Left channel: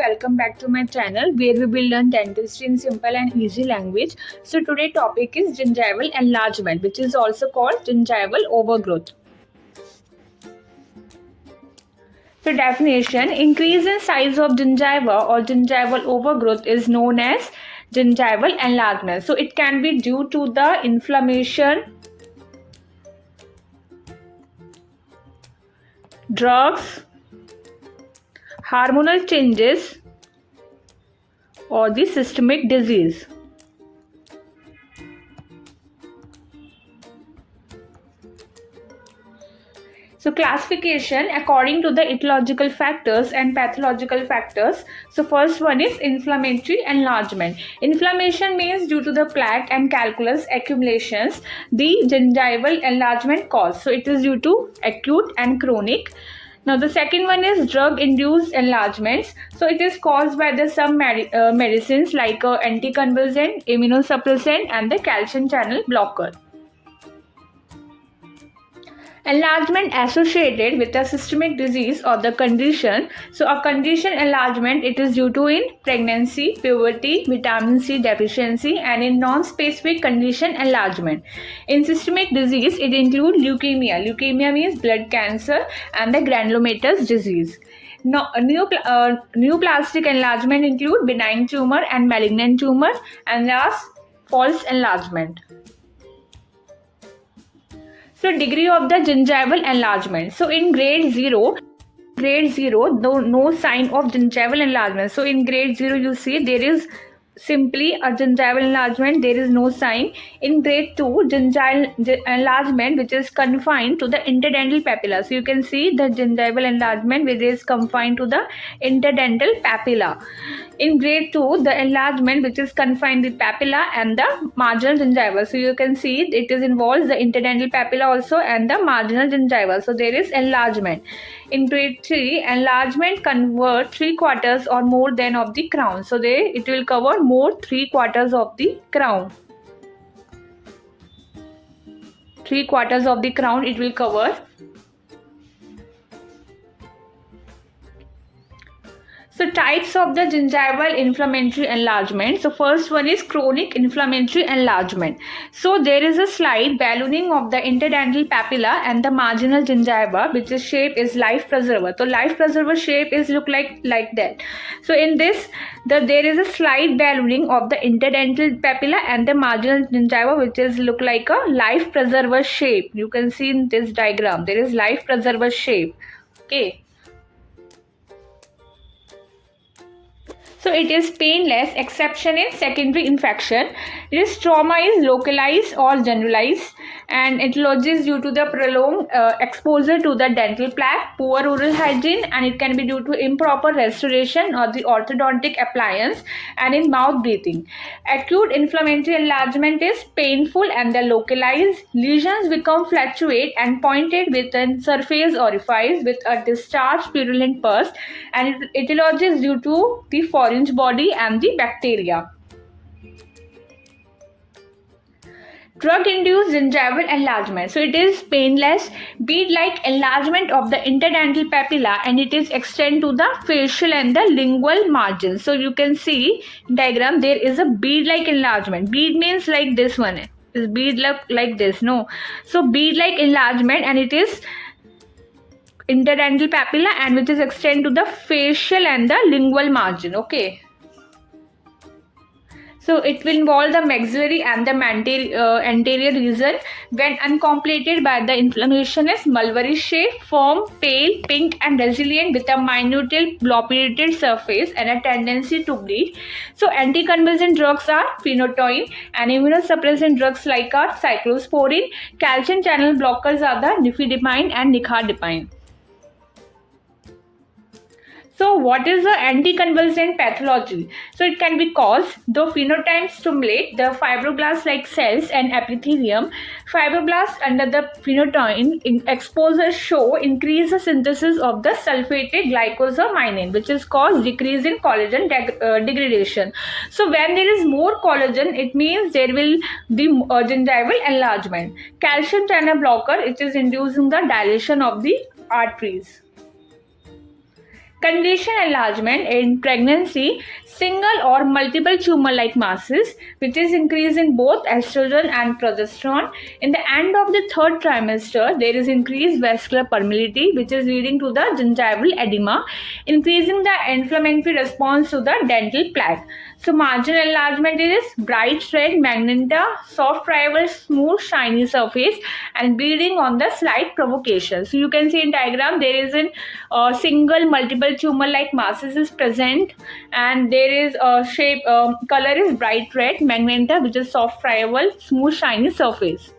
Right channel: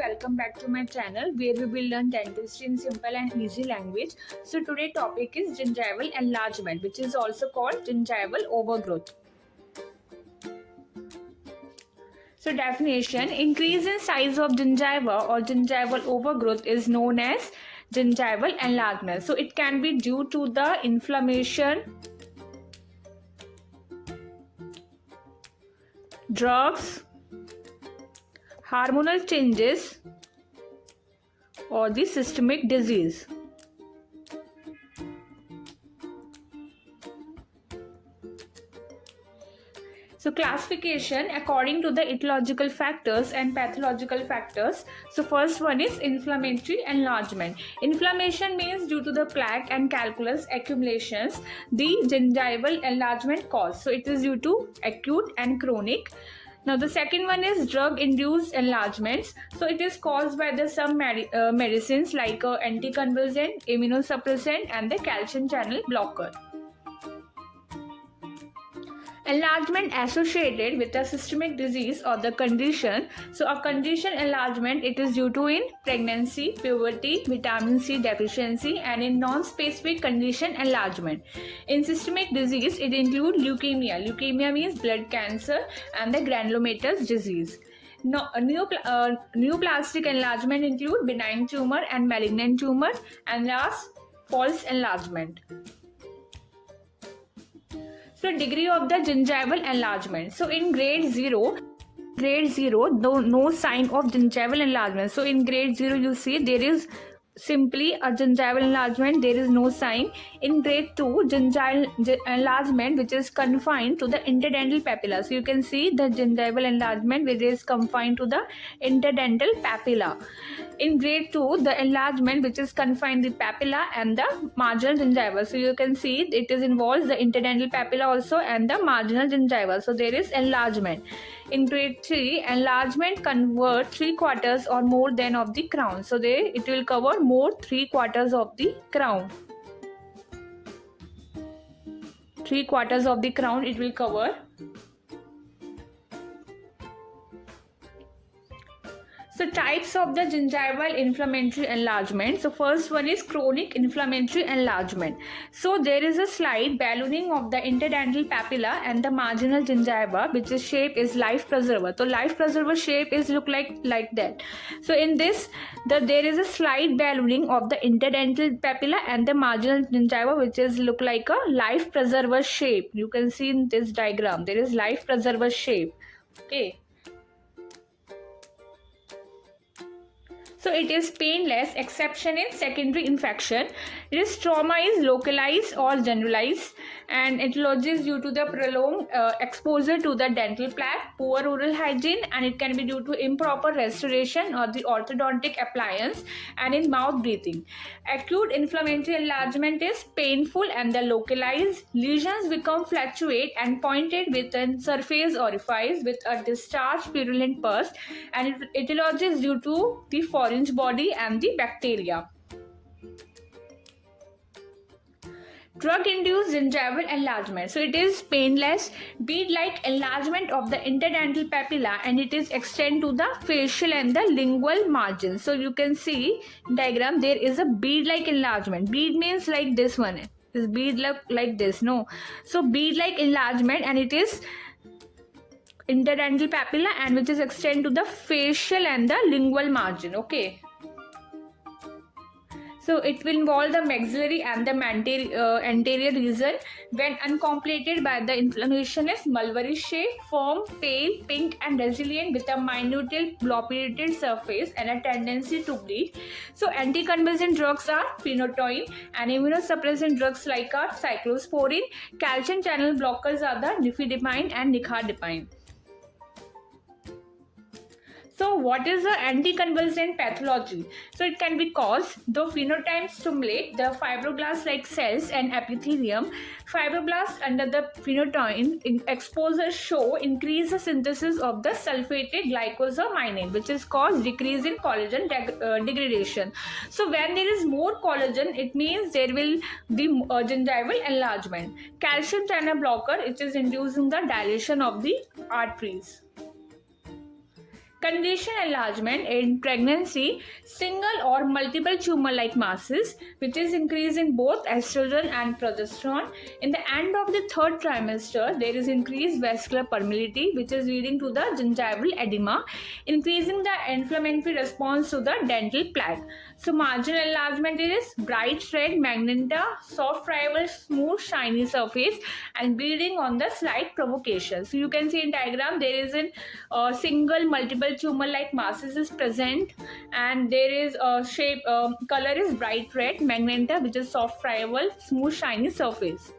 welcome back to my channel where we will learn dentistry in simple and easy language. So today topic is gingival enlargement, which is also called gingival overgrowth. So definition: increase in size of gingiva or gingival overgrowth is known as gingival enlargement. So it can be due to the inflammation, drugs, hormonal changes, or the systemic disease. So classification according to the etiological factors and pathological factors. So first one is inflammatory enlargement. Inflammation means due to the plaque and calculus accumulations the gingival enlargement cause. So it is due to acute and chronic. Now the second one is drug-induced enlargements. So it is caused by the some medicines like anticonvulsant, immunosuppressant and the calcium channel blocker. Enlargement associated with a systemic disease or the condition. So a condition enlargement, it is due to in pregnancy, puberty, vitamin C deficiency, and in non-specific condition enlargement. In systemic disease, it includes leukemia. Leukemia means blood cancer and the granulomatous disease. Neoplastic enlargement include benign tumor and malignant tumor, and last, false enlargement. So degree of the gingival enlargement. So in grade 0, no sign of gingival enlargement. So in grade 0 you see there is simply a gingival enlargement, there is no sign. In grade 2, gingival enlargement which is confined to the interdental papilla. So you can see the gingival enlargement which is confined to the interdental papilla. In grade 2, the enlargement which is confined the papilla and the marginal gingiva. So you can see it is involves the interdental papilla also and the marginal gingiva. So there is enlargement. In grade 3, enlargement convert 3/4 or more than of the crown. So it will cover more 3/4 of the crown. 3/4 of the crown it will cover. So types of the gingival inflammatory enlargement. So first one is chronic inflammatory enlargement. So there is a slight ballooning of the interdental papilla and the marginal gingiva, which is shape is life preserver. So life preserver shape is look like that. So in this, there is a slight ballooning of the interdental papilla and the marginal gingiva, which is look like a life preserver shape. You can see in this diagram there is life preserver shape. Okay. So it is painless, exception in secondary infection. This trauma is localized or generalized, and etiology is due to the prolonged exposure to the dental plaque, poor oral hygiene, and it can be due to improper restoration or the orthodontic appliance, and in mouth breathing. Acute inflammatory enlargement is painful and the localized. Lesions become fluctuate and pointed within surface orifice with a discharged purulent pus, and etiology is due to the orange body and the bacteria. Drug-induced gingival enlargement. So it is painless, bead-like enlargement of the interdental papilla, and it is extend to the facial and the lingual margins. So you can see in diagram there is a bead-like enlargement. Bead means like this one. Is bead like this? No. So bead-like enlargement, and it is interdental papilla and which is extend to the facial and the lingual margin. Okay. So it will involve the maxillary and the anterior region. When uncompleted by the inflammation is mulberry shape, firm, pale, pink and resilient with a minute blob-irritated surface and a tendency to bleed. So anticonvulsant drugs are phenytoin, and immunosuppressant drugs like are cyclosporin. Calcium channel blockers are the nifedipine and nicardipine. So what is the anticonvulsant pathology? So it can be caused, though phenotypes stimulate the fibroblast-like cells and epithelium. Fibroblasts under the phenytoin exposure show increase the synthesis of the sulfated glycosamine, which is caused decrease in collagen degradation. So when there is more collagen, it means there will be gingival enlargement. Calcium channel blocker, it is inducing the dilation of the arteries. Condition enlargement in pregnancy, single or multiple tumor-like masses, which is increase in both estrogen and progesterone. In the end of the third trimester, there is increased vascular permeability, which is leading to the gingival edema, increasing the inflammatory response to the dental plaque. So marginal enlargement is bright red magenta, soft rival, smooth shiny surface, and bleeding on the slight provocation. So you can see in diagram there is a single multiple tumor like masses is present, and there is a shape color is bright red magenta, which is soft rival, smooth shiny surface.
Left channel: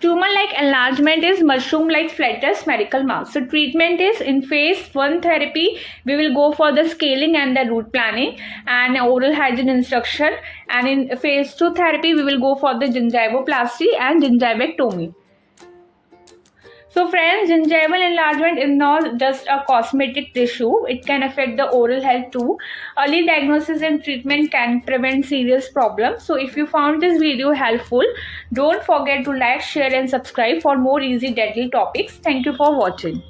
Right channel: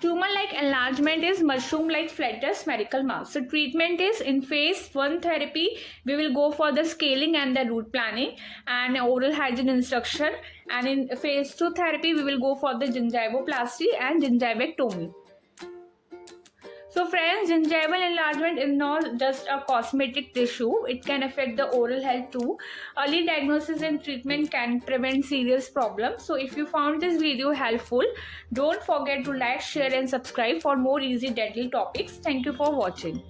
Tumor-like enlargement is mushroom-like flatter spherical mass. So treatment is in phase 1 therapy, we will go for the scaling and the root planning and oral hygiene instruction. And in phase 2 therapy, we will go for the gingivoplasty and gingivectomy. So friends, gingival enlargement is not just a cosmetic issue. It can affect the oral health too. Early diagnosis and treatment can prevent serious problems. So if you found this video helpful, don't forget to like, share and subscribe for more easy dental topics. Thank you for watching.